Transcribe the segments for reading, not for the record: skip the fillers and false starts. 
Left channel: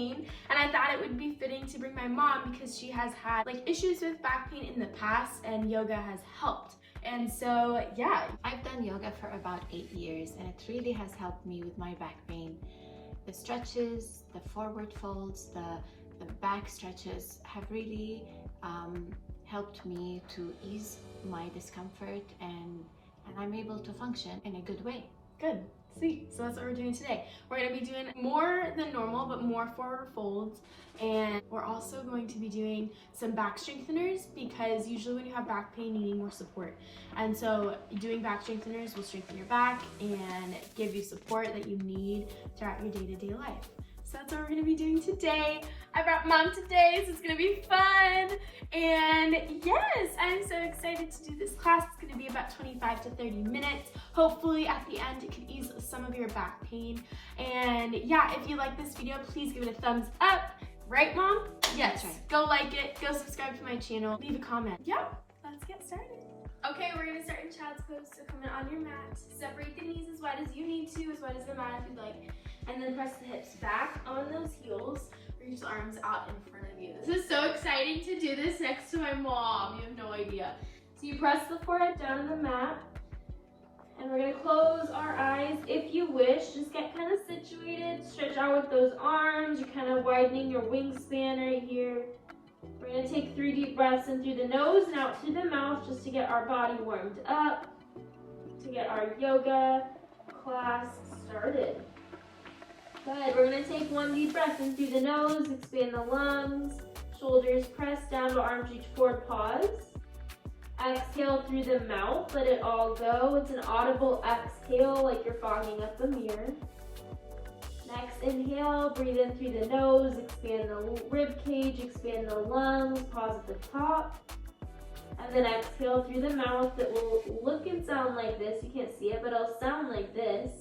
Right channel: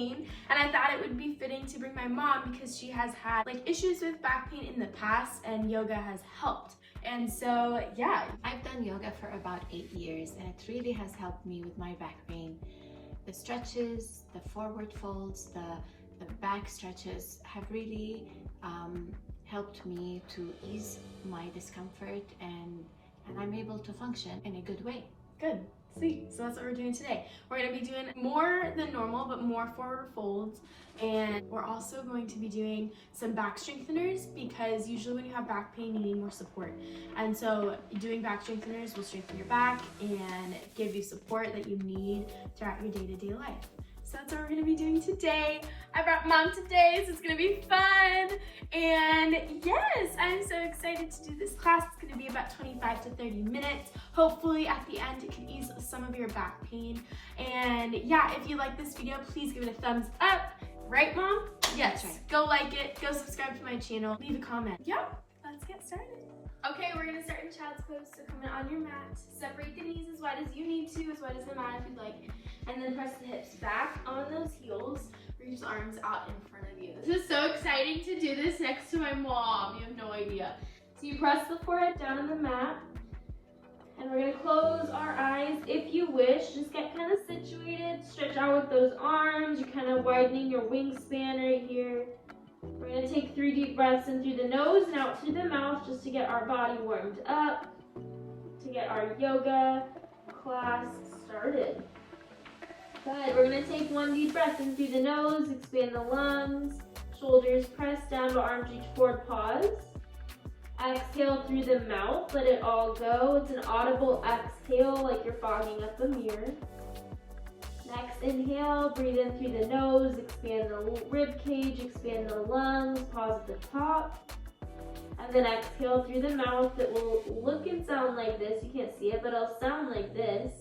pain, and I thought it would be fitting to bring my mom because she has had like issues with back pain in the past and yoga has helped. And so, yeah. I've done yoga for about 8 years and it really has helped me with my back pain. The stretches, the forward folds, the back stretches have really helped me to ease my discomfort and I'm able to function in a good way. Good, sweet. So that's what we're doing today. We're gonna be doing more than normal, but more forward folds. And we're also going to be doing some back strengtheners because usually when you have back pain, you need more support. And so doing back strengtheners will strengthen your back and give you support that you need throughout your day-to-day life. So that's what we're gonna be doing today. I brought mom today, so it's gonna be fun. And yes, I'm so excited to do this class. It's gonna be about 25 to 30 minutes. Hopefully at the end, it can ease some of your back pain. And yeah, if you like this video, please give it a thumbs up. Right, Mom? Yes, go like it, go subscribe to my channel, leave a comment. Yeah, let's get started. Okay, we're gonna start in child's pose, so come in on your mat. Separate the knees as wide as you need to, as wide as the mat if you'd like. And then press the hips back on those heels. Reach the arms out in front of you. This is so exciting to do this next to my mom. You have no idea. So you press the forehead down on the mat. And we're gonna close our eyes if you wish. Just get kind of situated. Stretch out with those arms. You're kind of widening your wingspan right here. We're gonna take 3 deep breaths in through the nose and out through the mouth just to get our body warmed up, to get our yoga class started. Good, we're gonna take 1 deep breath in through the nose, expand the lungs, shoulders press down, but arms reach forward, pause. Exhale through the mouth, let it all go. It's an audible exhale, like you're fogging up a mirror. Next, inhale, breathe in through the nose, expand the rib cage, expand the lungs, pause at the top. And then exhale through the mouth. It will look and sound like this. You can't see it, but it'll sound like this.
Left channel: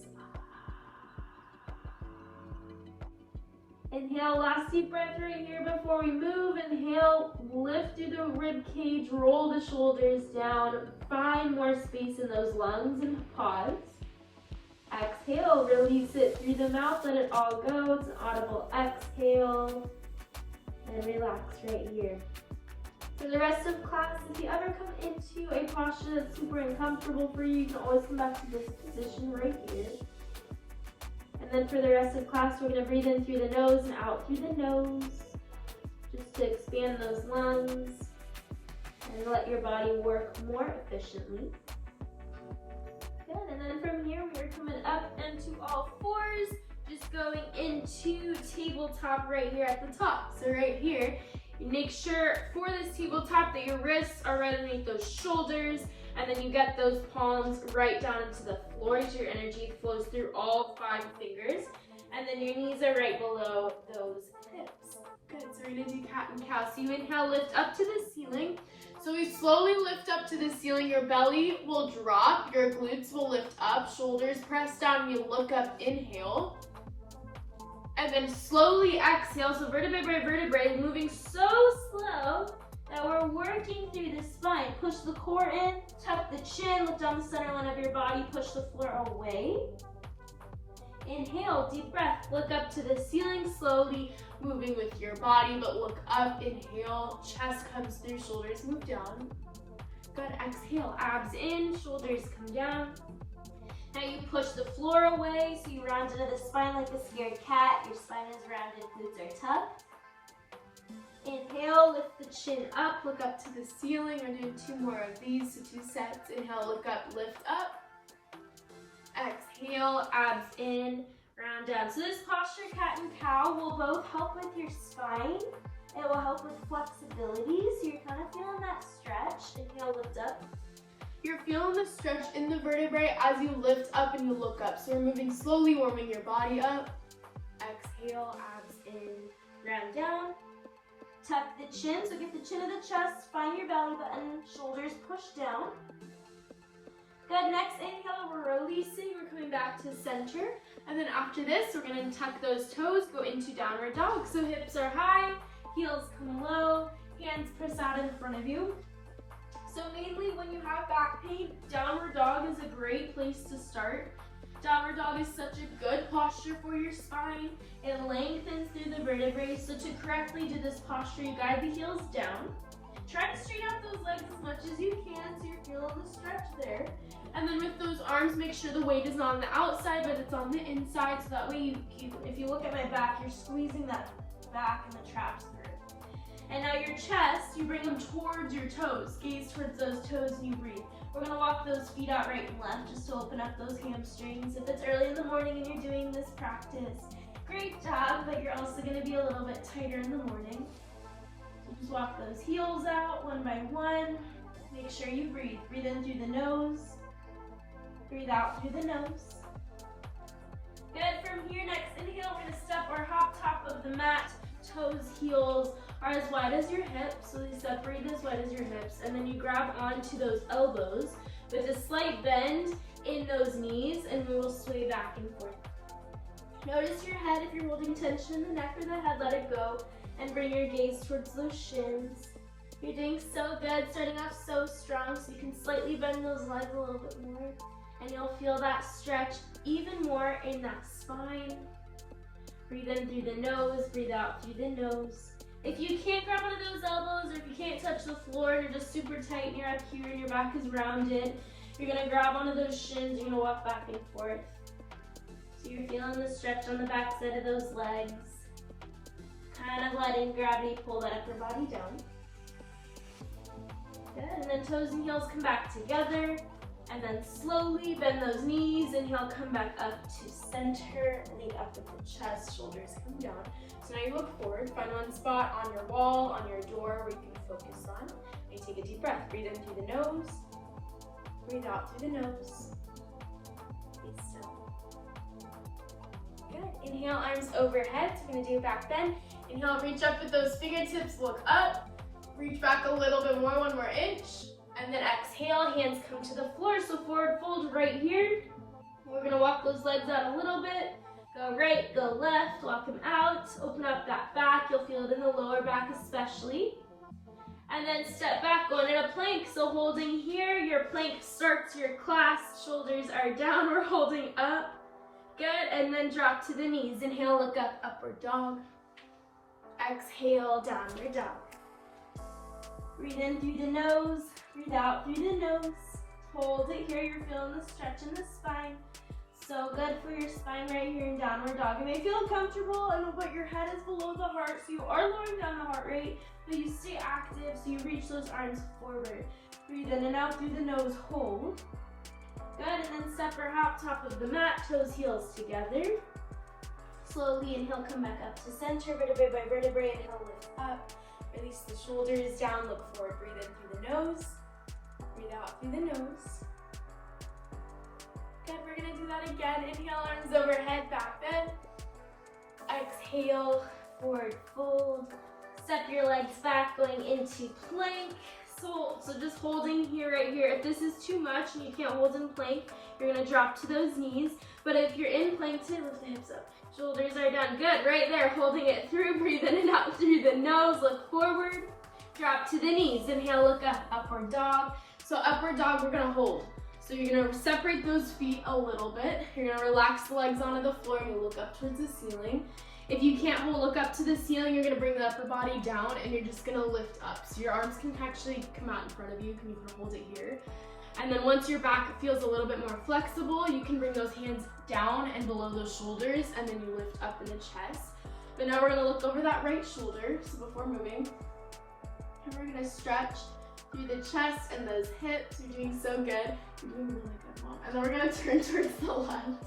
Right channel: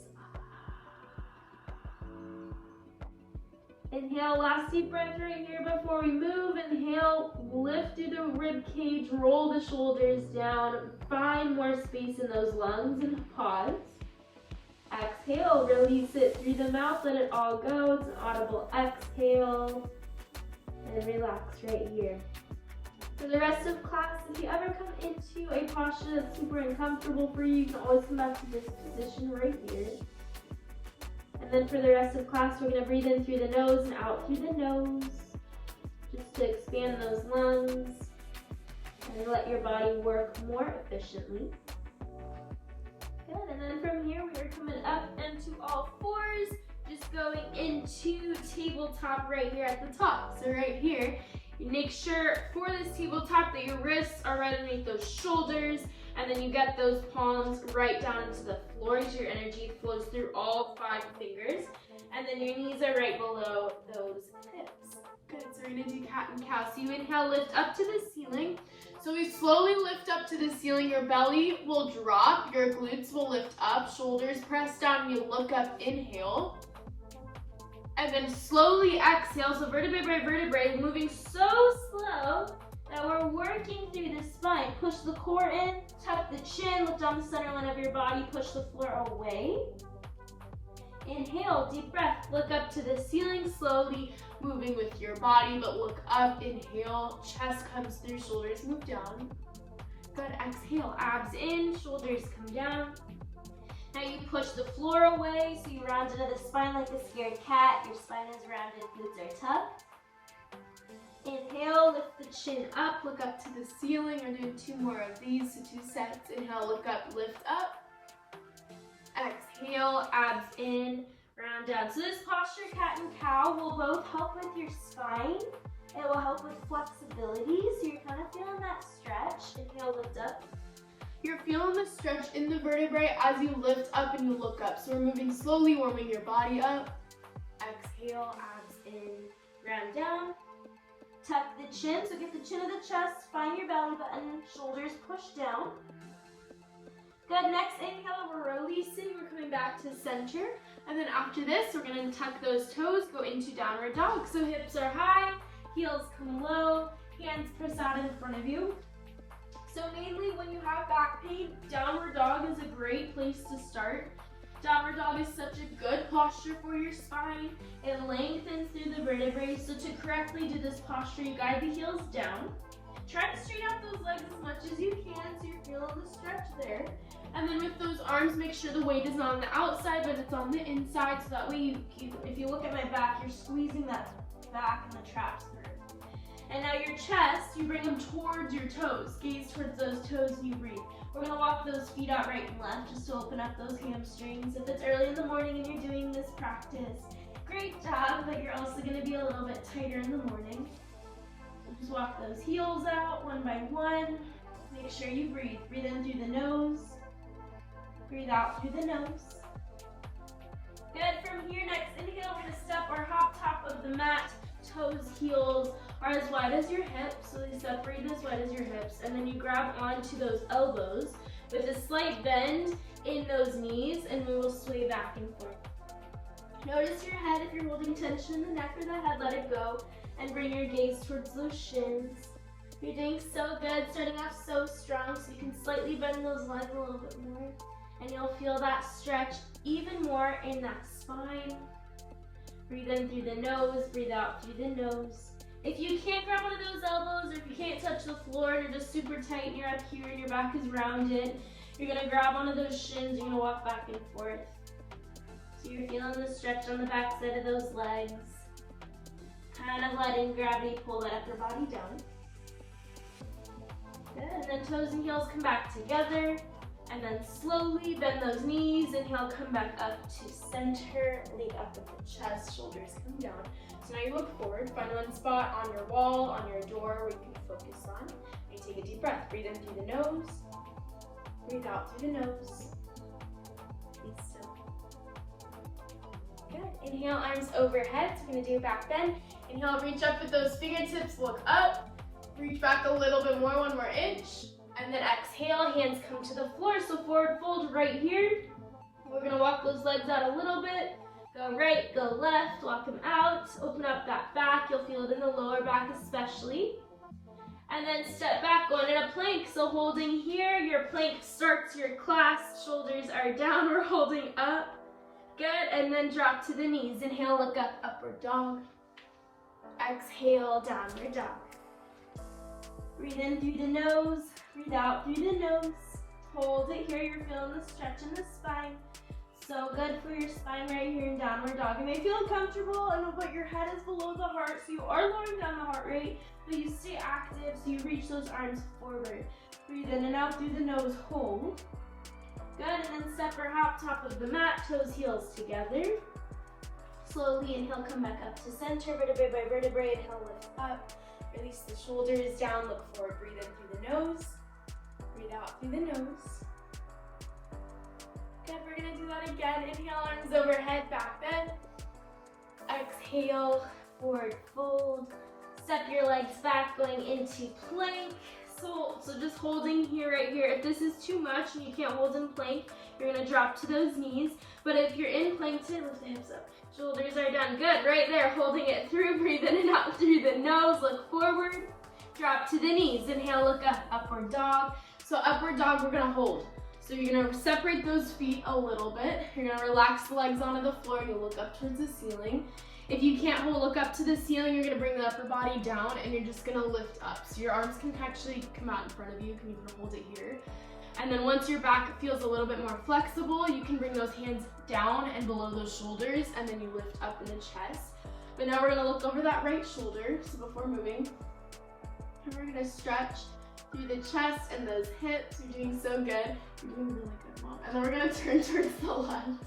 Inhale, last deep breath right here before we move. Inhale, lift through the rib cage, roll the shoulders down, find more space in those lungs and pause. Exhale, release it through the mouth, let it all go. It's an audible exhale. And relax right here. For the rest of class, if you ever come into a posture that's super uncomfortable for you, you can always come back to this position right here. And then for the rest of class, we're going to breathe in through the nose and out through the nose, just to expand those lungs and let your body work more efficiently. Good, and then from here, we are coming up into all fours, just going into tabletop right here at the top. So right here, you make sure for this tabletop that your wrists are right underneath those shoulders, and then you get those palms right down into the floor so your energy flows through all 5 fingers. And then your knees are right below those hips. Good, so we're gonna do cat and cow. So you inhale, lift up to the ceiling. So we slowly lift up to the ceiling. Your belly will drop, your glutes will lift up, shoulders press down, you look up, inhale. And then slowly exhale, so vertebrae by vertebrae, moving so slow that we're working through the spine. Push the core in, tuck the chin, look down the center line of your body, push the floor away. Inhale, deep breath, look up to the ceiling, slowly moving with your body, but look up, inhale, chest comes through, shoulders move down. Good, exhale, abs in, shoulders come down. Now you push the floor away, so you round into the spine like a scared cat. Your spine is rounded, glutes are tucked. Inhale, lift the chin up, look up to the ceiling. We're doing 2 more of these, so 2 sets. Inhale, look up, lift up. Exhale, abs in, round down. So this posture, cat and cow, will both help with your spine. It will help with flexibility, so you're kind of feeling that stretch. Inhale, lift up. You're feeling the stretch in the vertebrae as you lift up and you look up. So we're moving slowly, warming your body up. Exhale, abs in, round down. Tuck the chin, so get the chin of the chest, find your belly button, shoulders push down. Good, next inhale, we're releasing, we're coming back to center. And then after this, we're gonna tuck those toes, go into downward dog. So hips are high, heels come low, hands press out in front of you. So mainly when you have back pain, downward dog is a great place to start. Downward dog is such a good posture for your spine. It lengthens through the vertebrae So to correctly do this posture, you guide the heels down. Try to straighten out those legs as much as you can so you're feeling the stretch there. And then with those arms, make sure the weight is not on the outside, but it's on the inside. So that way, if you look at my back, you're squeezing that back and the traps through. And now your chest, you bring them towards your toes. Gaze towards those toes and you breathe. We're gonna walk those feet out right and left just to open up those hamstrings. If it's early in the morning and you're doing this practice, great job, but you're also gonna be a little bit tighter in the morning. So just walk those heels out one by one. Make sure you breathe. Breathe in through the nose. Breathe out through the nose. Good. From here, next inhale, we're gonna step or hop top of the mat. Toes, heels are as wide as your hips, so they separate as wide as your hips, and then you grab onto those elbows with a slight bend in those knees, and we will sway back and forth. Notice your head. If you're holding tension in the neck or the head, let it go, and bring your gaze towards those shins. You're doing so good, starting off so strong, so you can slightly bend those legs a little bit more, and you'll feel that stretch even more in that spine. Breathe in through the nose, breathe out through the nose. If you can't grab one of those elbows, or if you can't touch the floor and you're just super tight and you're up here and your back is rounded, you're gonna grab one of those shins, you're gonna walk back and forth. So you're feeling the stretch on the back side of those legs. Kind of letting gravity pull that upper body down. Good, and then toes and heels come back together. And then slowly bend those knees, inhale, come back up to center, lean up with the chest, shoulders come down. So now you look forward, find one spot on your wall, on your door where you can focus on. And you take a deep breath, breathe in through the nose, breathe out through the nose. Be still. Good, inhale, arms overhead, so we're gonna do a back bend. Inhale, reach up with those fingertips, look up, reach back a little bit more, one more inch. And then exhale, hands come to the floor, so forward fold right here. We're gonna walk those legs out a little bit. Go right, go left, walk them out. Open up that back, you'll feel it in the lower back especially. And then step back, going in a plank. So holding here, your plank starts, your clasped shoulders are down, we're holding up. Good, and then drop to the knees. Inhale, look up, upward dog. Exhale, downward dog. Breathe in through the nose, breathe out through the nose. Hold it here, you're feeling the stretch in the spine. So good for your spine right here in downward dog. You may feel uncomfortable, but your head is below the heart, so you are lowering down the heart rate, but you stay active, so you reach those arms forward. Breathe in and out through the nose, hold. Good, and then step or hop top of the mat, toes, heels together. Slowly inhale, come back up to center, vertebrae by vertebrae, inhale, lift up. Release the shoulders down, look forward, breathe in through the nose, breathe out through the nose. Good, we're gonna do that again. Inhale, arms overhead, back bend. Exhale, forward fold. Step your legs back, going into plank. So just holding here, right here. If this is too much and you can't hold in plank, you're gonna drop to those knees. But if you're in plank, lift the hips up. Shoulders are done. Good, right there, holding it through. Breathe in and out through the nose. Look forward. Drop to the knees. Inhale, look up, upward dog. So upward dog, we're gonna hold. So you're gonna separate those feet a little bit. You're gonna relax the legs onto the floor and you look up towards the ceiling. If you can't look up to the ceiling, you're gonna bring the upper body down and you're just gonna lift up. So your arms can actually come out in front of you. You can even hold it here. And then once your back feels a little bit more flexible, you can bring those hands down and below those shoulders, and then you lift up in the chest. But now we're gonna look over that right shoulder, so before moving. And we're gonna stretch through the chest and those hips. You're doing so good. You're doing really good, Mom. And then we're gonna turn towards the left.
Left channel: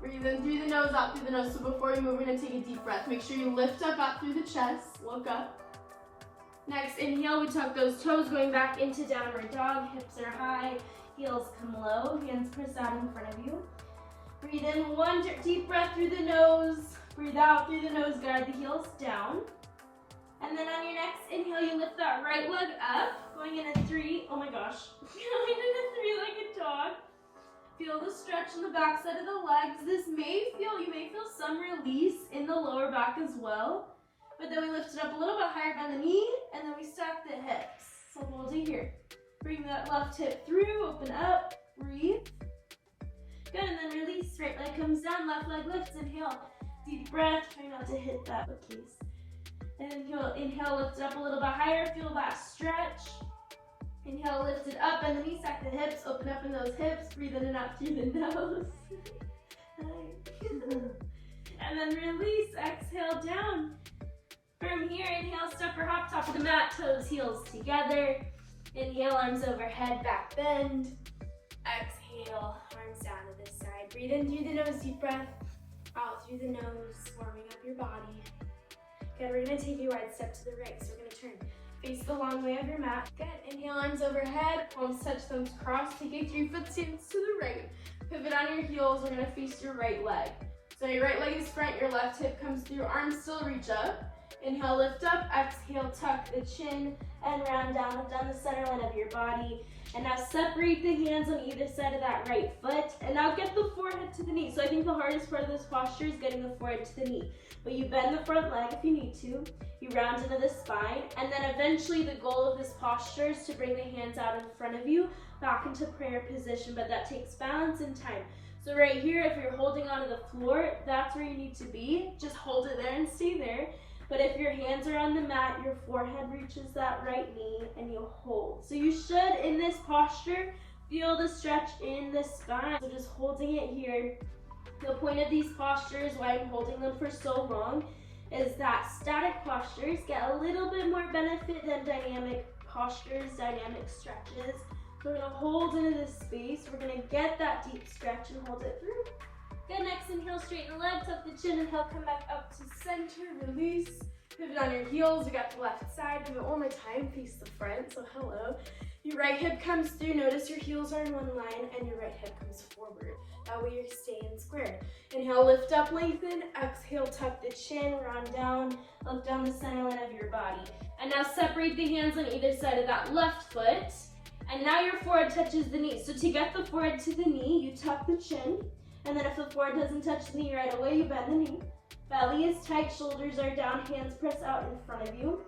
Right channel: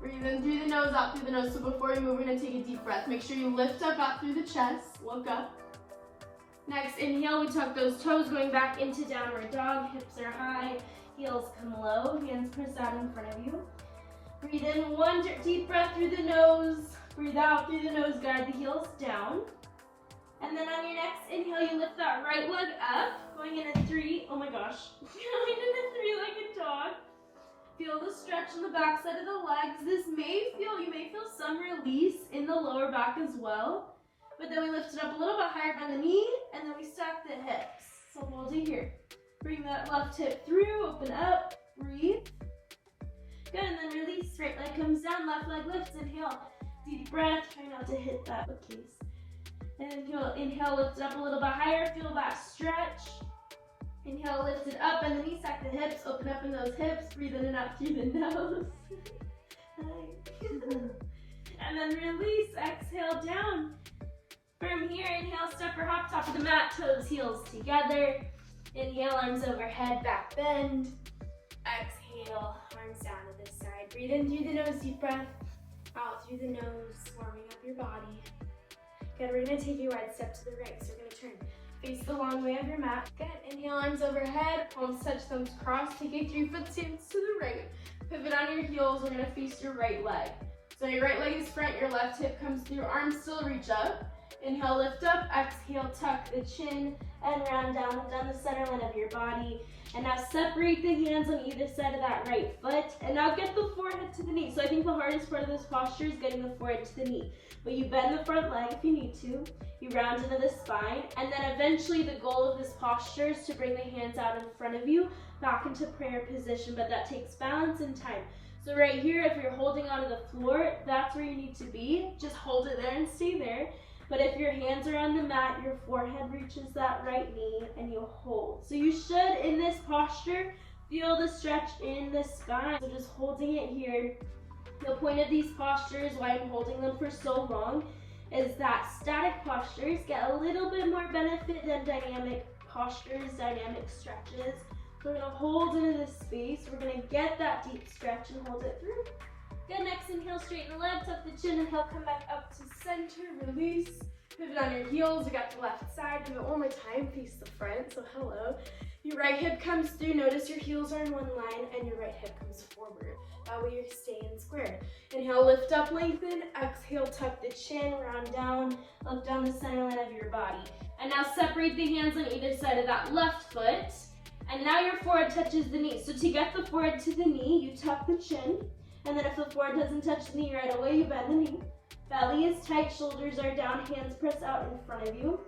Breathe in through the nose, out through the nose. So before you move, we're gonna take a deep breath. Make sure you lift up out through the chest, look up. Next, inhale, we tuck those toes going back into downward dog. Hips are high, heels come low, hands press out in front of you. Breathe in one deep breath through the nose. Breathe out through the nose, guide the heels down. And then on your next inhale, you lift that right leg up, going in a three. Oh my gosh. Going in a three-legged dog. Feel the stretch on the back side of the legs. You may feel some release in the lower back as well. But then we lift it up a little bit higher by the knee, and then we stack the hips. So hold it here. Bring that left hip through, open up, breathe. Good, and then release. Right leg comes down, left leg lifts, inhale. Deep breath, try not to hit that bookcase. And inhale, lift it up a little bit higher. Feel that stretch. Inhale, lift it up, and then you stack the hips. Open up in those hips. Breathe in and out through the nose. And then release. Exhale down. From here, inhale, step or hop, top of the mat, toes, heels together. Inhale, arms overhead, back bend. Exhale, arms down to this side. Breathe in through the nose, deep breath. Out through the nose, warming up your body. Good, we're gonna take a wide step to the right, so we're gonna turn. Face the long way of your mat. Good, inhale, arms overhead, palms touch, thumbs cross. Take a 3-foot stance to the right. Pivot on your heels, we're gonna face your right leg. So your right leg is front, your left hip comes through, arms still reach up. Inhale, lift up, exhale, tuck the chin, and round down the center line of your body. And now separate the hands on either side of that right foot. And now get the forehead to the knee. So I think the hardest part of this posture is getting the forehead to the knee. But you bend the front leg if you need to. You round into the spine. And then eventually the goal of this posture is to bring the hands out in front of you, back into prayer position. But that takes balance and time. So right here, if you're holding onto the floor, that's where you need to be. Just hold it there and stay there. But if your hands are on the mat, your forehead reaches that right knee and you hold. So you should, in this posture, feel the stretch in the spine. So just holding it here. The point of these postures, why I'm holding them for so long, is that static postures get a little bit more benefit than dynamic postures, dynamic stretches. So we're gonna hold into this space. We're gonna get that deep stretch and hold it through. Good, next inhale, straighten the legs, tuck the chin, inhale, come back up to center, release. Pivot on your heels, you got the left side. Do it one more time, face the front, so hello. Your right hip comes through, notice your heels are in one line, and your right hip comes forward. That way you're staying square. Inhale, lift up, lengthen. Exhale, tuck the chin, round down, look down the center line of your body. And now separate the hands on either side of that left foot. And now your forehead touches the knee. So to get the forehead to the knee, you tuck the chin. And then if the forehead doesn't touch the knee right away, you bend the knee. Belly is tight, shoulders are down, hands press out in front of you.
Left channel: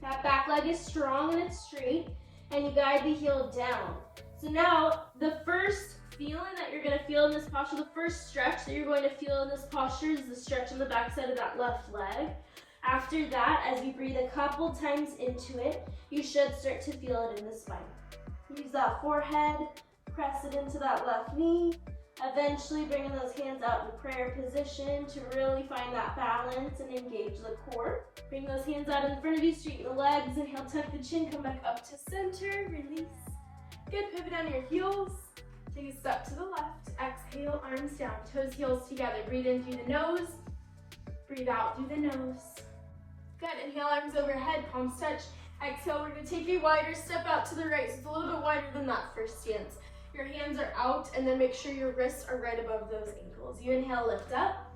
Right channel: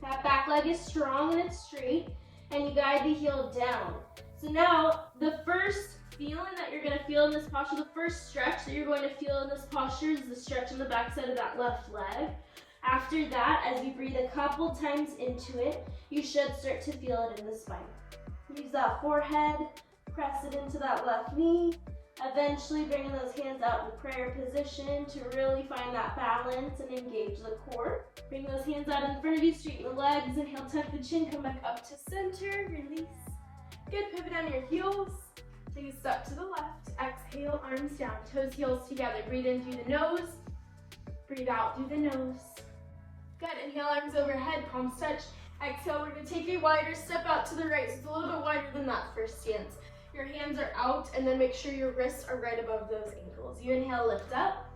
That back leg is strong and it's straight, and you guide the heel down. So now, the first feeling that you're gonna feel in this posture, the first stretch that you're going to feel in this posture is the stretch in the back side of that left leg. After that, as you breathe a couple times into it, you should start to feel it in the spine. Use that forehead, press it into that left knee. Eventually bringing those hands out in prayer position to really find that balance and engage the core. Bring those hands out in front of you, straighten the legs, inhale, tuck the chin, come back up to center, release. Good, pivot on your heels. Take a step to the left, exhale, arms down, toes, heels together. Breathe in through the nose, breathe out through the nose. Good, inhale, arms overhead, palms touch. Exhale, we're gonna take a wider step out to the right, so it's a little bit wider than that first stance. Your hands are out, and then make sure your wrists are right above those ankles. You inhale, lift up.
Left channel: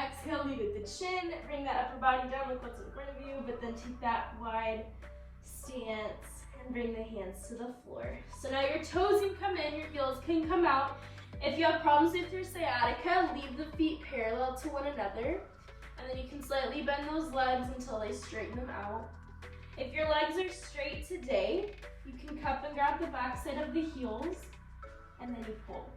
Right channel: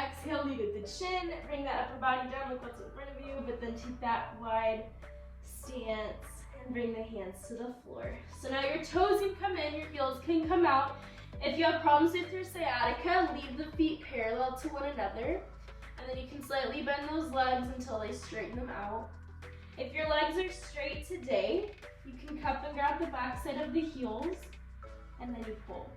Exhale, lead with the chin. Bring that upper body down, look what's in front of you, but then take that wide stance and bring the hands to the floor. So now your toes can come in, your heels can come out. If you have problems with your sciatica, leave the feet parallel to one another. And then you can slightly bend those legs until they straighten them out. If your legs are straight today, you can cup and grab the back side of the heels. And then you pull.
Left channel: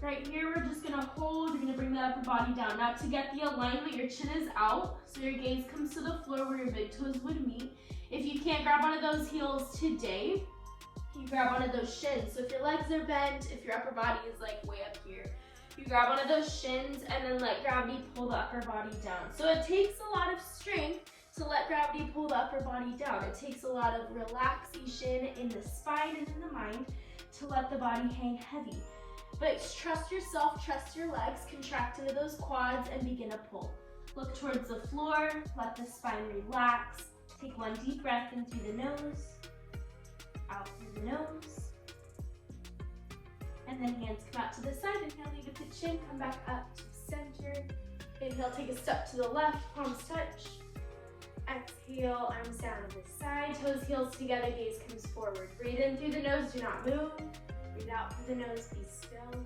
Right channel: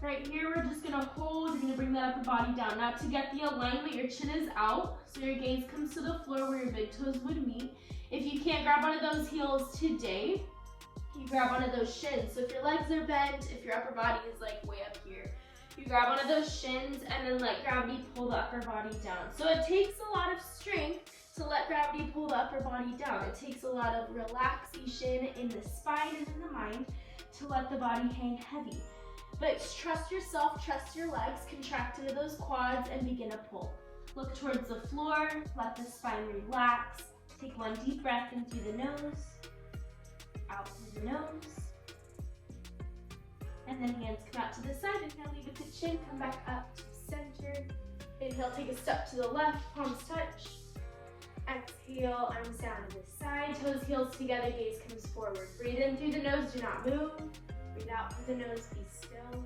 Right here, we're just gonna hold. You're gonna bring that upper body down. Now to get the alignment, your chin is out, so your gaze comes to the floor where your big toes would meet. If you can't grab onto those heels today, you grab onto those shins. So if your legs are bent, if your upper body is like way up here, you grab onto those shins and then let gravity pull the upper body down. So it takes a lot of strength to let gravity pull the upper body down. It takes a lot of relaxation in the spine and in the mind to let the body hang heavy. But trust yourself, trust your legs, contract into those quads and begin to pull. Look towards the floor, let the spine relax. Take one deep breath in through the nose, out through the nose. And then hands come out to the side. Inhale, lead with the chin, come back up to center. Inhale, take a step to the left, palms touch. Exhale, arms down to the side, toes, heels together, gaze comes forward. Breathe in through the nose, do not move. Breathe out through the nose, be still.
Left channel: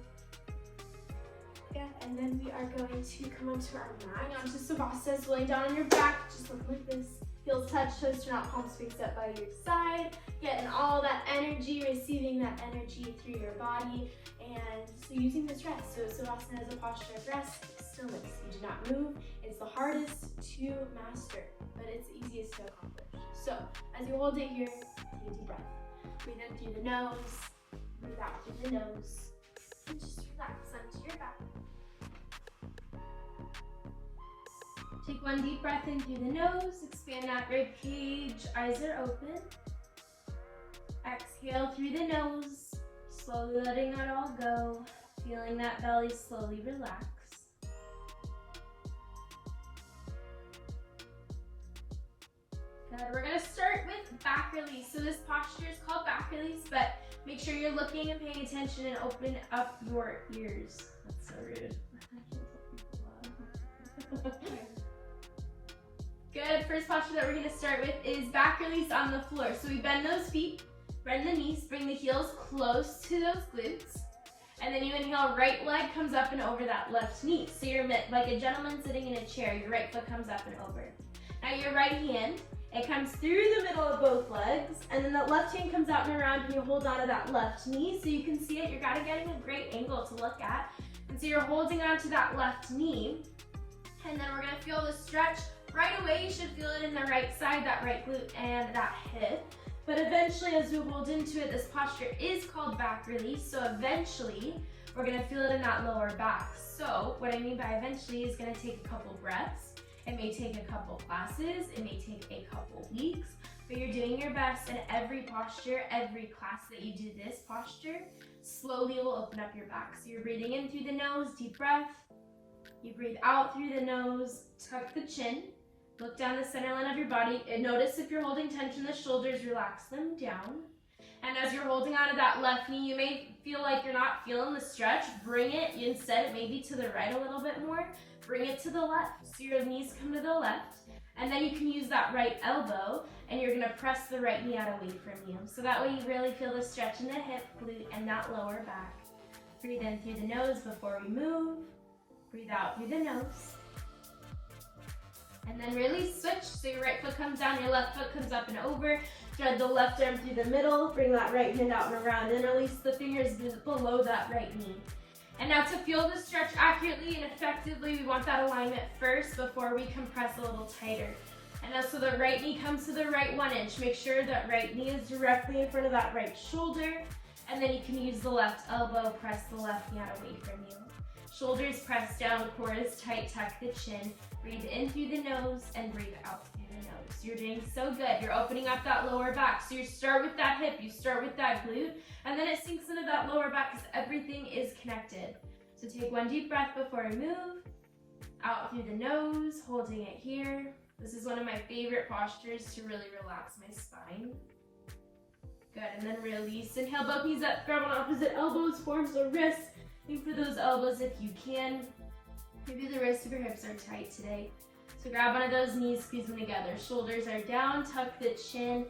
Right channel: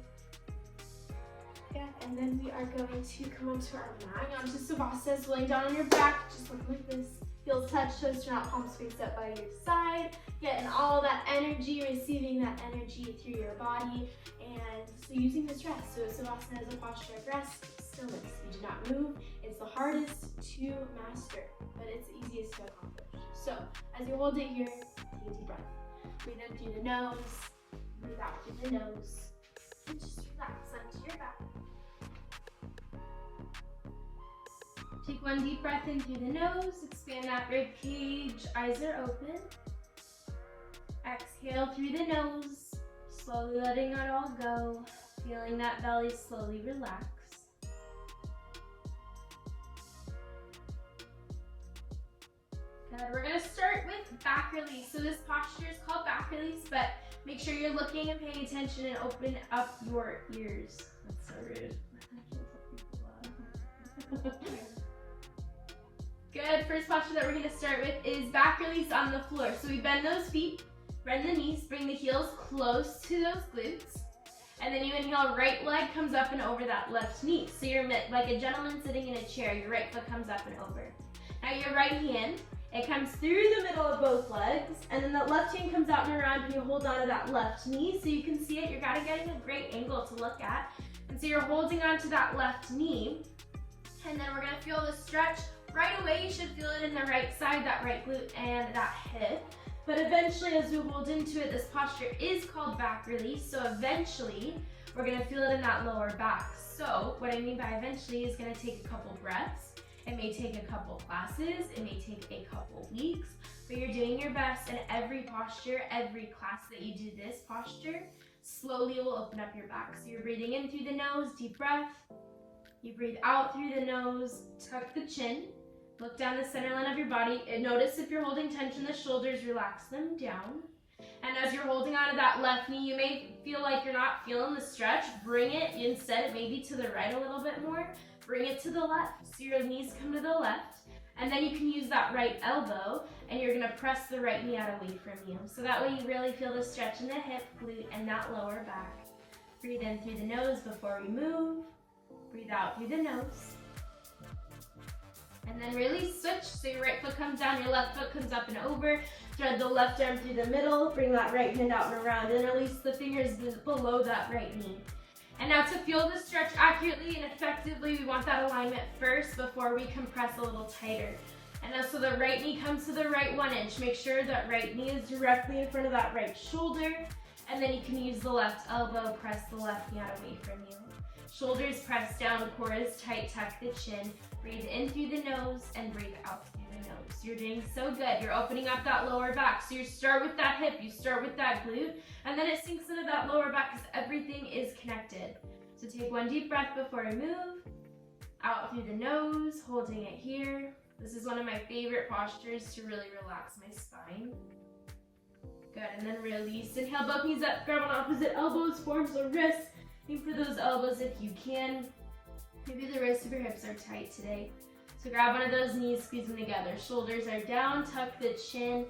Yeah, and then we are going to come onto our mat, onto Savasana, laying down on your back, just look like this. Heels touch, toes turn out, palms face up by your side. Getting all that energy, receiving that energy through your body. And so using this rest, so Savasana is a posture of rest, stillness. You do not move, it's the hardest to master, but it's easiest to accomplish. So as you hold it here, take a deep breath. Breathe in through the nose, breathe out through the nose, and just relax onto your back. Take one deep breath in through the nose, expand that rib cage, eyes are open. Exhale through the nose, slowly letting it all go, feeling that belly slowly relax. Good, we're gonna start with back release. So this posture is called back release, but make sure you're looking and paying attention and open up your ears. That's so rude. Good, first posture that we're gonna start with is back release on the floor. So we bend those feet, bend the knees, bring the heels close to those glutes. And then you inhale, right leg comes up and over that left knee. So you're like a gentleman sitting in a chair, your right foot comes up and over. Now your right hand, it comes through the middle of both legs, and then the left hand comes out and around, and you hold on to that left knee so you can see it. You're kind of getting a great angle to look at. And so you're holding on to that left knee, and then we're gonna feel the stretch. Right away, you should feel it in the right side, that right glute and that hip. But eventually, as we hold into it, this posture is called back release. So eventually, we're gonna feel it in that lower back. So what I mean by eventually is gonna take a couple breaths. It may take a couple classes. It may take a couple weeks. But you're doing your best, and every posture, every class that you do this posture, slowly will open up your back. So you're breathing in through the nose, deep breath. You breathe out through the nose, tuck the chin. Look down the center line of your body, and notice if you're holding tension, the shoulders, relax them down. And as you're holding onto that left knee, you may feel like you're not feeling the stretch. Bring it instead maybe to the right a little bit more. Bring it to the left. So your knees come to the left. And then you can use that right elbow, and you're gonna press the right knee out away from you. So that way you really feel the stretch in the hip, glute, and that lower back. Breathe in through the nose before we move. Breathe out through the nose. And then release, switch. So your right foot comes down, your left foot comes up and over. Thread the left arm through the middle. Bring that right hand out and around, and release the fingers below that right knee. And now to feel the stretch accurately and effectively, we want that alignment first before we compress a little tighter. And now so the right knee comes to the right 1 inch. Make sure that right knee is directly in front of that right shoulder. And then you can use the left elbow, press the left knee out away from you. Shoulders pressed down, core is tight, tuck the chin. Breathe in through the nose and breathe out through the nose. You're doing so good. You're opening up that lower back. So you start with that hip, you start with that glute, and then it sinks into that lower back because everything is connected. So take one deep breath before I move. Out through the nose, holding it here. This is one of my favorite postures to really relax my spine. Good, and then release. Inhale, both knees up, grab on opposite elbows, forms the wrists. Aim for those elbows if you can. Maybe the wrists of your hips are tight today. So grab one of those knees, squeeze them together. Shoulders are down, tuck the chin,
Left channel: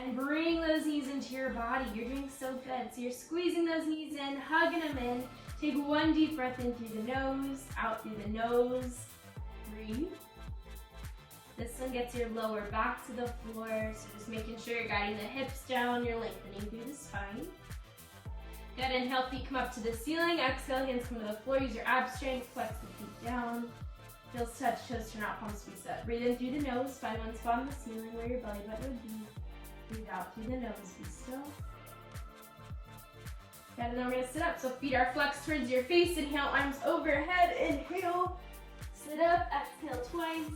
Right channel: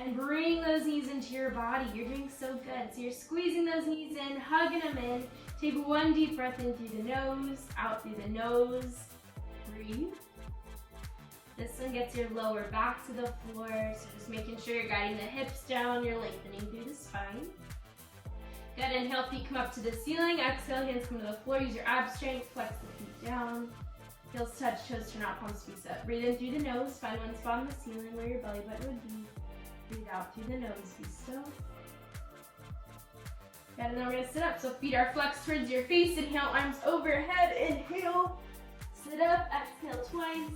and bring those knees into your body. You're doing so good. So you're squeezing those knees in, hugging them in. Take one deep breath in through the nose, out through the nose. Breathe. This one gets your lower back to the floor. So just making sure you're guiding the hips down, you're lengthening through the spine. Good, inhale, feet come up to the ceiling. Exhale, hands come to the floor. Use your ab strength, flex the feet down. Heels touch, toes turn out, palms squeeze up. Breathe in through the nose. Find one spot on the ceiling where your belly button would be. Breathe out through the nose. Be still. Good, and then we're gonna sit up. So feet are flexed towards your face. Inhale, arms overhead. Inhale, sit up. Exhale twice.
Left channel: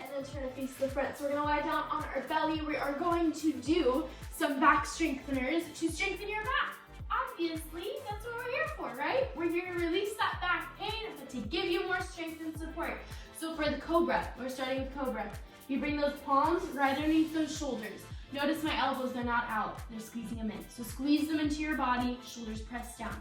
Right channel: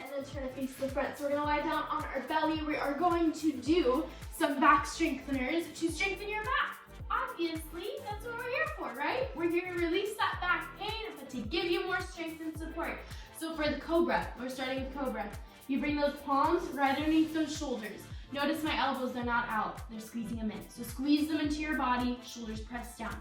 And then turn to face the front. So we're gonna lie down on our belly. We are going to do some back strengtheners to strengthen your back. Obviously, that's what we're here for, right? We're here to release that back pain, but to give you more strength and support. So for the cobra, we're starting with cobra. You bring those palms right underneath those shoulders. Notice my elbows, they're not out. They're squeezing them in. So squeeze them into your body, shoulders pressed down.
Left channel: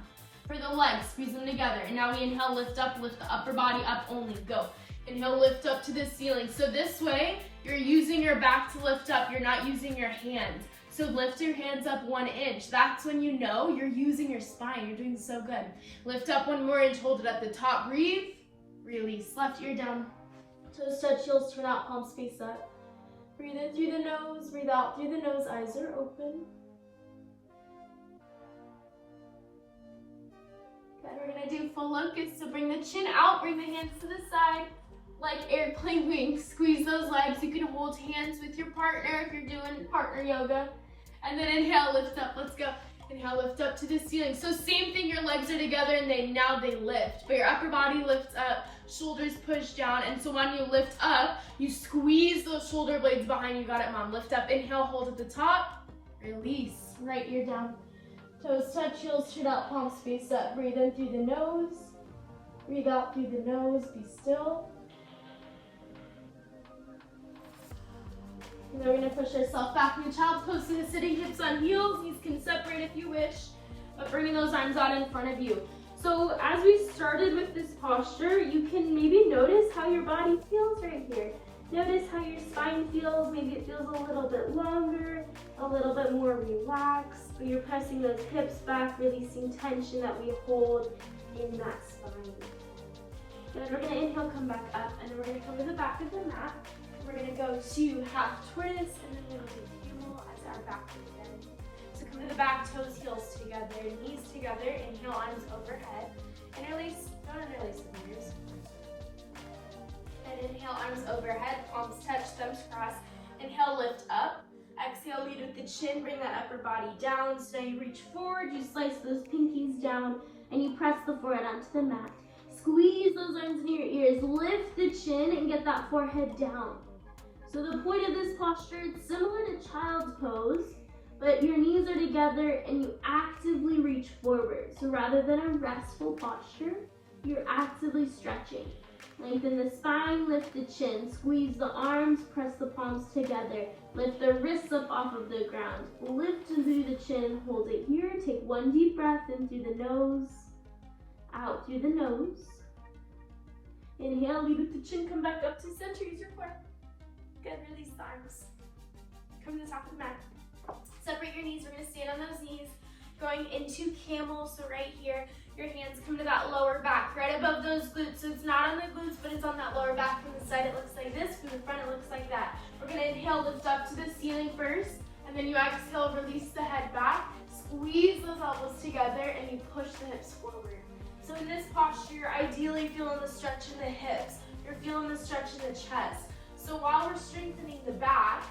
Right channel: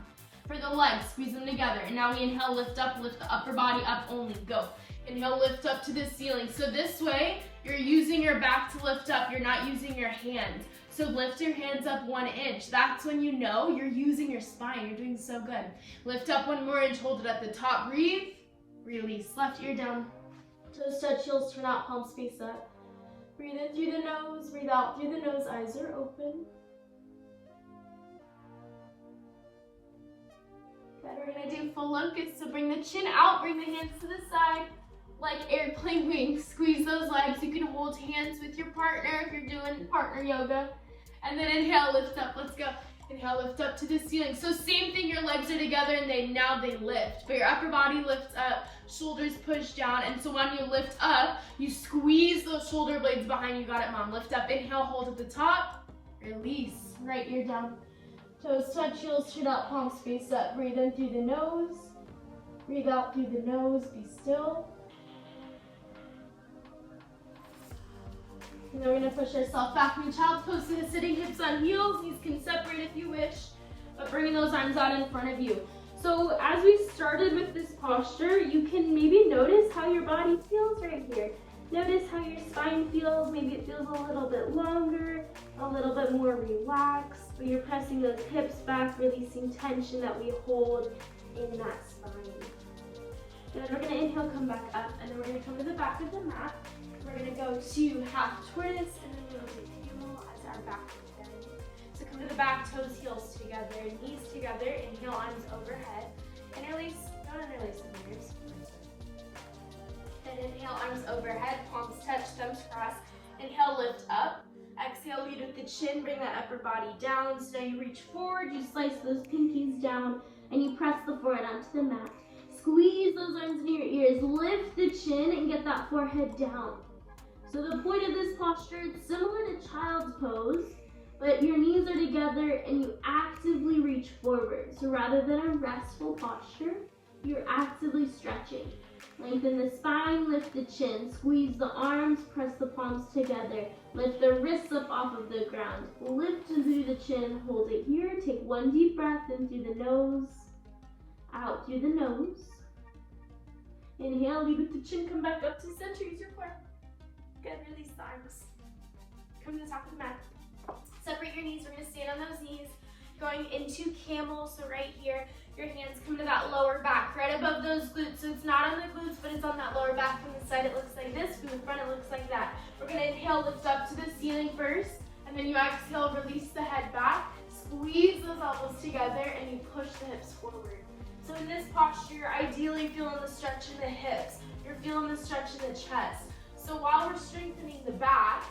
For the legs, squeeze them together. And now we inhale, lift up, lift the upper body up only. Go. Inhale, lift up to the ceiling. So this way, you're using your back to lift up. You're not using your hands. So lift your hands up 1 inch. That's when you know you're using your spine. You're doing so good. Lift up 1 more inch, hold it at the top. Breathe, release. Left ear down. Toes touch, heels turn out, palms face up. Breathe in through the nose, breathe out through the nose. Eyes are open. Good, we're gonna do full locust. So bring the chin out, bring the hands to the side. like airplane wings. Squeeze those legs. You can hold hands with your partner if you're doing partner yoga. And then inhale, lift up. Let's go. Inhale, lift up to the ceiling. So same thing, your legs are together and now they lift. But your upper body lifts up, shoulders push down. And so when you lift up, you squeeze those shoulder blades behind you. Got it, mom. Lift up, inhale, hold at the top. Release. Right ear down. Toes touch, heels straight out, palms face up. Breathe in through the nose. Breathe out through the nose. Be still. And then we're going to push ourselves back in child's pose to the sitting, hips on heels. Knees can separate if you wish, but bringing those arms out in front of you. So as we started with this posture, you can maybe notice how your body feels right here. Notice how your spine feels. Maybe it feels a little bit longer, a little bit more relaxed. But you're pressing those hips back, releasing tension that we hold in that spine. Then we're going to inhale, come back up, and then we're going to come to the back of the mat. We're going to go to half twist, and then we're going to heel as our back bend. So come to the back, toes, heels together, knees together, inhale, arms overhead. Interlace, don't interlace the fingers. And inhale, arms overhead, palms touch, thumbs cross. Inhale, lift up. Exhale, lead with the chin, bring that upper body down. So now you reach forward, you slice those pinkies down, and you press the forehead onto the mat. Squeeze those arms near your ears, lift the chin, and get that forehead down. So the point of this posture, it's similar to child's pose, but your knees are together and you actively reach forward. So rather than a restful posture, you're actively stretching. Lengthen the spine, lift the chin, squeeze the arms, press the palms together. Lift the wrists up off of the ground. Lift through the chin, hold it here. Take one deep breath in through the nose, out through the nose. Inhale, lead with the chin, come back up to center, use your core. Good, release the arms. Come to the top of the mat. Separate your knees, we're gonna stand on those knees. Going into camel, so right here, your hands come to that lower back, right above those glutes. So it's not on the glutes, but it's on that lower back. From the side, it looks like this. From the front, it looks like that. We're gonna inhale, lift up to the ceiling first, and then you exhale, release the head back. Squeeze those elbows together, and you push the hips forward. So in this posture, you're ideally feeling the stretch in the hips. You're feeling the stretch in the chest. So while we're strengthening the back,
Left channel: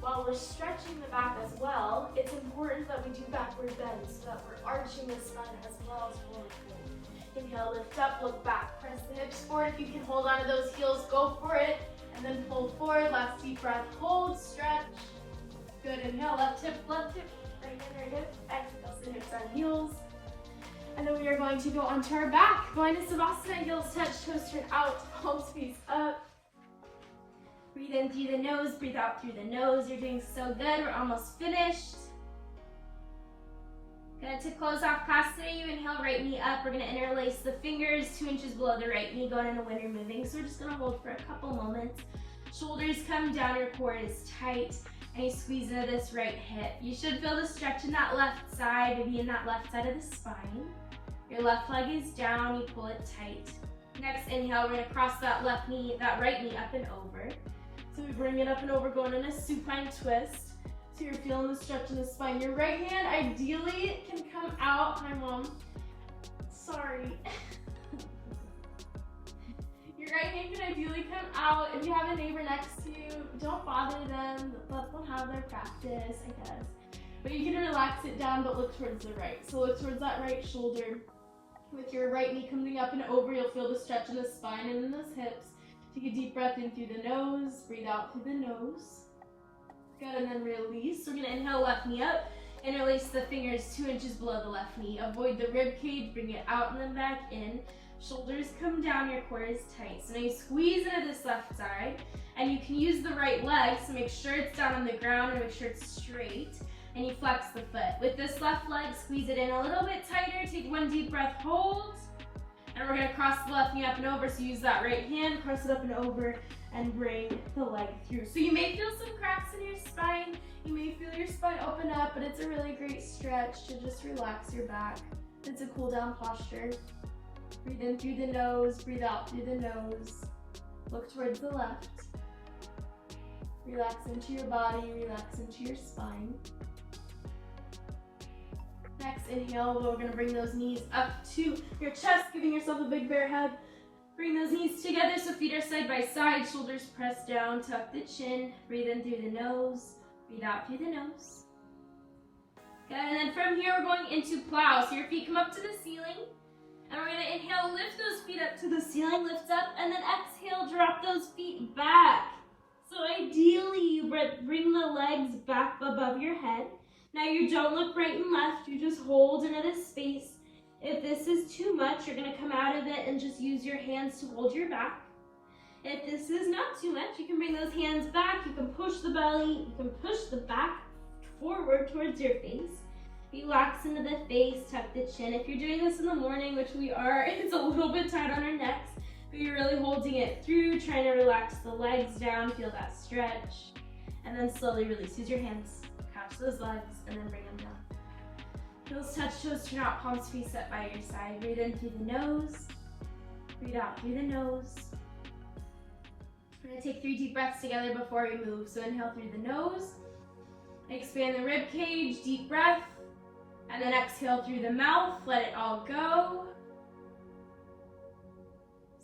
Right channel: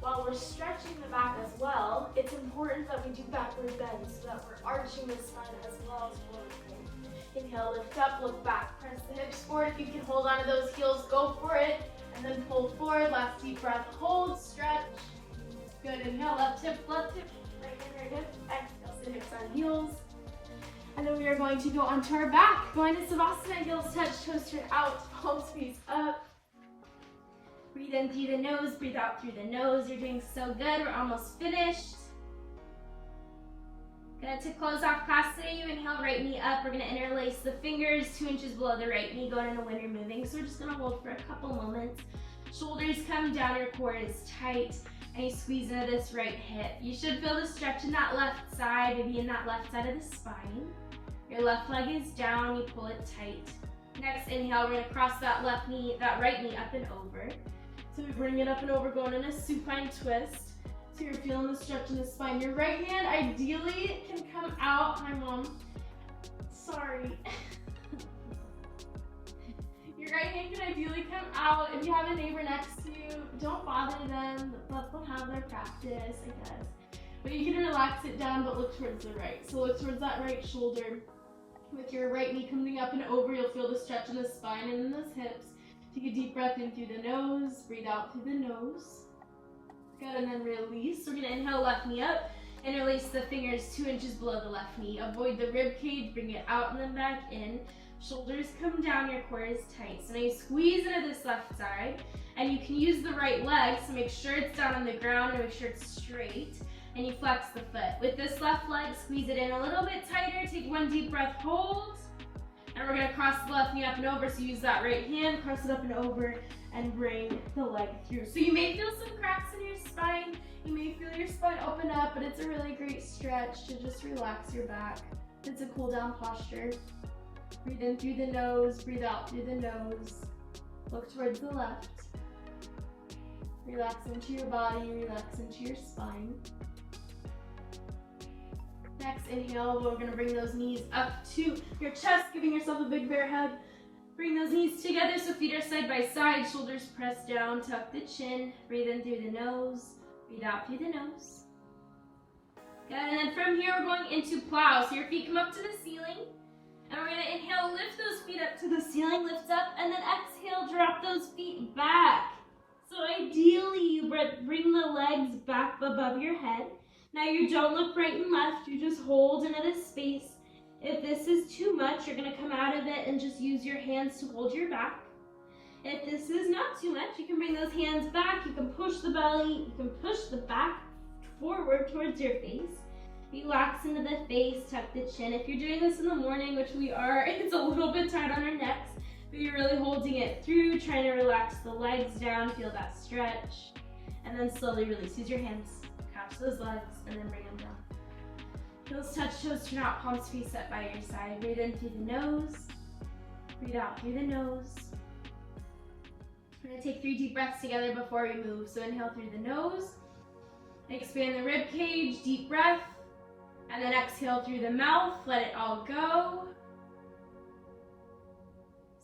while we're stretching the back as well, it's important that we do backward bends so that we're arching the spine as well as forward fold. Inhale, lift up, look back, press the hips forward. If you can hold on to those heels, go for it. And then fold forward, last deep breath, hold, stretch. Good, inhale, left hip, right hip. Exhale, sit hips on heels. And then we are going to go onto our back. Go into Savasana, heels touch, toes turn out, palms face up. Breathe in through the nose, breathe out through the nose. You're doing so good. We're almost finished. To close off class today, you inhale, right knee up. We're gonna interlace the fingers 2 inches below the right knee, going into when you're moving. So we're just gonna hold for a couple moments. Shoulders come down, your core is tight, and you squeeze into this right hip. You should feel the stretch in that left side, maybe in that left side of the spine. Your left leg is down, you pull it tight. Next inhale, we're gonna cross that right knee up and over. So we bring it up and over, going in a supine twist. So you're feeling the stretch in the spine. Your right hand ideally can come out. My mom, sorry. Your right hand can ideally come out. If you have a neighbor next to you, don't bother them. Let them have their practice, I guess. But you can relax it down, but look towards the right. So look towards that right shoulder. With your right knee coming up and over, you'll feel the stretch in the spine and in those hips. Take a deep breath in through the nose, breathe out through the nose. Good, and then release. So we're gonna inhale, left knee up, interlace the fingers 2 inches below the left knee. Avoid the rib cage, bring it out and then back in. Shoulders come down, your core is tight. So now you squeeze into this left side, and you can use the right leg, so make sure it's down on the ground and make sure it's straight. And you flex the foot. With this left leg, squeeze it in a little bit tighter. Take one deep breath, hold. And we're gonna cross the left knee up and over, so use that right hand, cross it up and over, and bring the leg through. So you may feel some cracks in your spine, you may feel your spine open up, but it's a really great stretch to just relax your back. It's a cool down posture. Breathe in through the nose, breathe out through the nose. Look towards the left. Relax into your body, relax into your spine. Next inhale, we're gonna bring those knees up to your chest, giving yourself a big bear hug. Bring those knees together so feet are side by side, shoulders pressed down, tuck the chin, breathe in through the nose, breathe out through the nose. Good, and then from here we're going into plow. So your feet come up to the ceiling, and we're gonna inhale, lift those feet up to the ceiling, lift up, and then exhale, drop those feet back. So ideally you bring the legs back above your head. Now you don't look right and left, you just hold into this space. If this is too much, you're going to come out of it and just use your hands to hold your back. If this is not too much, you can bring those hands back, you can push the belly, you can push the back forward towards your face. Relax into the face, tuck the chin. If you're doing this in the morning, which we are, it's a little bit tight on our necks, but you're really holding it through, trying to relax the legs down, feel that stretch, and then slowly release. Use your hands, catch those legs, and then bring them down. Heels touch toes, turn out, palms face up by your side. Breathe in through the nose. Breathe out through the nose. We're going to take 3 deep breaths together before we move. So inhale through the nose. Expand the rib cage, deep breath. And then exhale through the mouth, let it all go.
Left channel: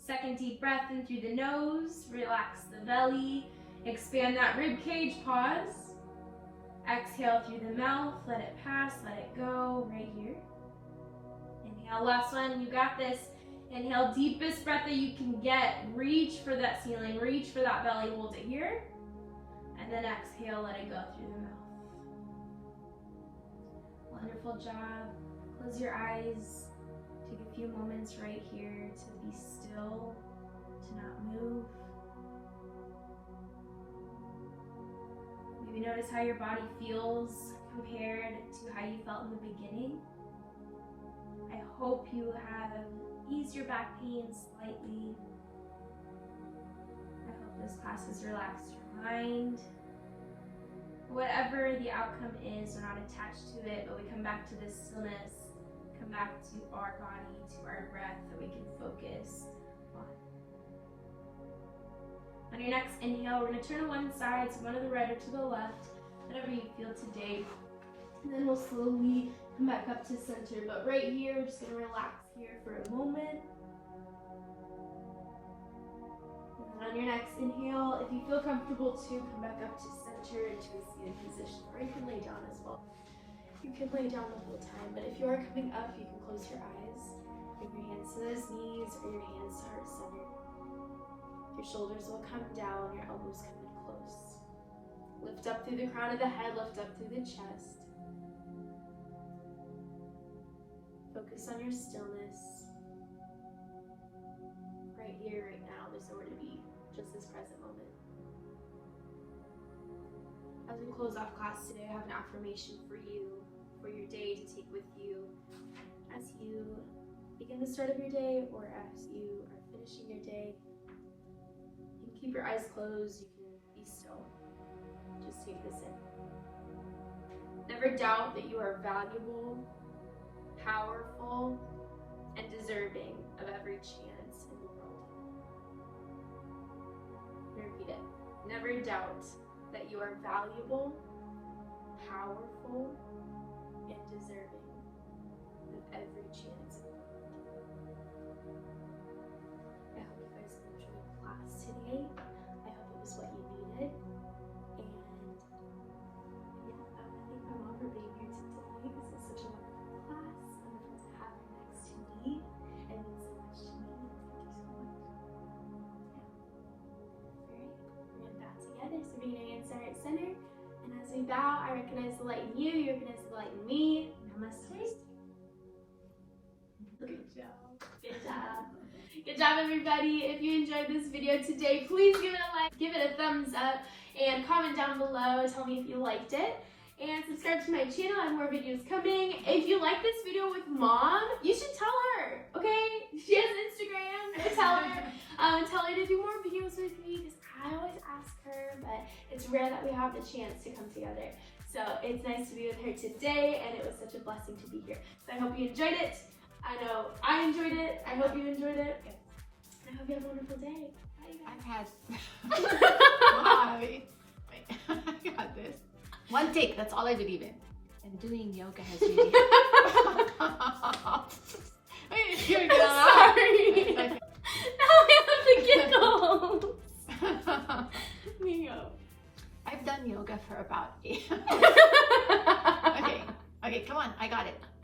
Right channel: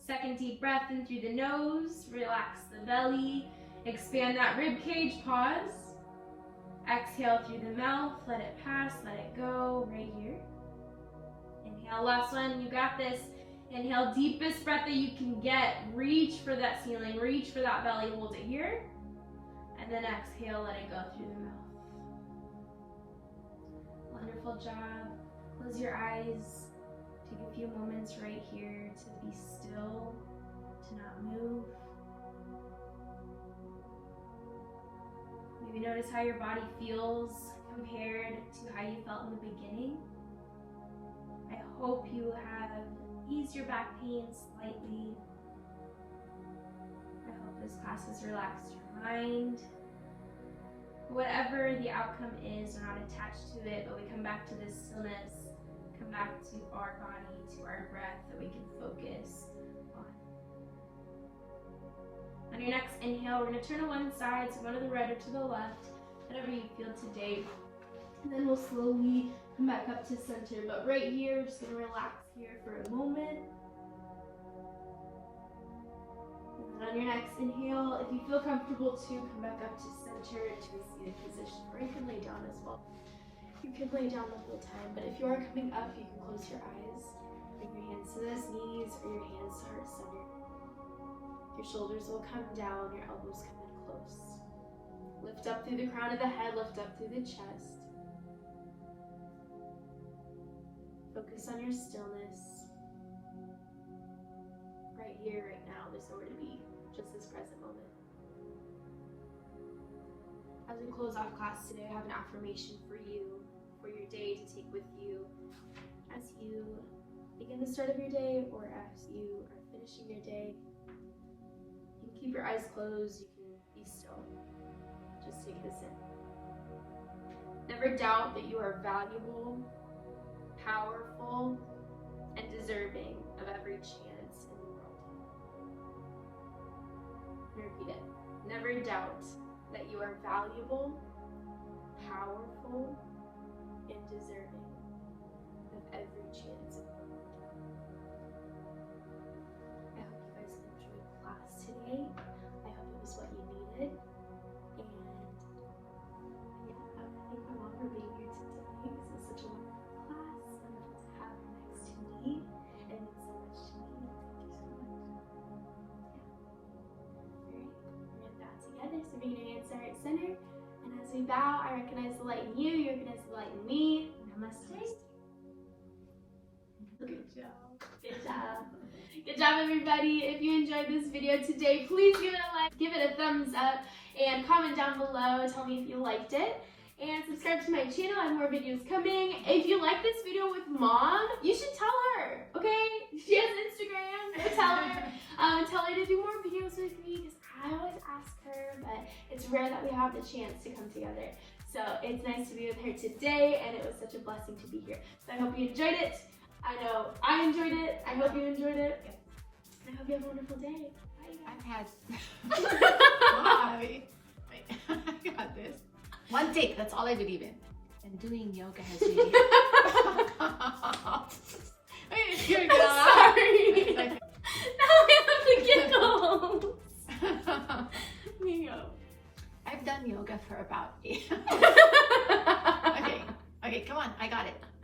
Second deep breath in through the nose. Relax the belly. Expand that rib cage, pause. Exhale through the mouth, let it pass, let it go, right here. Inhale, last one, you got this. Inhale, deepest breath that you can get. Reach for that ceiling, reach for that belly, hold it here. And then exhale, let it go through the mouth. Wonderful job. Close your eyes. Take a few moments right here to be still, to not move. Maybe notice how your body feels compared to how you felt in the beginning. I hope you have eased your back pain slightly. I hope this class has relaxed your mind. Whatever the outcome is, we're not attached to it, but we come back to this stillness, come back to our body, to our breath that we can focus on. On your next inhale, we're going to turn to one side, so go to the right or to the left, whatever you feel today. And then we'll slowly come back up to center. But right here, we're just going to relax here for a moment. And then on your next inhale, if you feel comfortable to come back up to center into a seated position, or you can lay down as well. You can lay down the whole time, but if you are coming up, you can close your eyes, bring your hands to those knees, or your hands to heart center. Your shoulders will come down, your elbows come in close. Lift up through the crown of the head, lift up through the chest. Focus on your stillness. Right here, right now, there's nowhere to be, just this present moment. As we close off class today, I have an affirmation for you, for your day to take with you as you begin the start of your day or as you are finishing your day. You can keep your eyes closed, you can be still. Just take this in. Never doubt that you are valuable, powerful, and deserving of every chance in the world. Repeat it. Never doubt that you are valuable, powerful, and deserving of every chance in the world. I hope you guys enjoyed class today. I hope it was what you needed. And yeah, I thank my mom for being here today. This is such a wonderful class. I'm able to have her next to me. It means so much to me. Thank you so much. Yeah. Alright, we're gonna bow together. So bring your hands to right center. And as we bow, I recognize the light in you, you recognize the light in me. Namaste. Good job. Good job. Good job, everybody. If you enjoyed this video today, please give it a like, give it a thumbs up, and comment down below. Tell me if you liked it. And subscribe to my channel. I have more videos coming. If you like this video with mom, you should tell her, okay? She has Instagram. Go tell her. Tell her to do more videos with me because I always ask her, but it's rare that we have the chance to come together. So it's nice to be with her today, and it was such a blessing to be here. So I hope you enjoyed it. I know I enjoyed it. I hope you enjoyed it. I hope you have a wonderful day. Bye. I've had. Why? Wait, I got this. One take, that's all I believe in. And doing yoga has really. Wait, here we go. I'm sorry. Okay. No, I got it.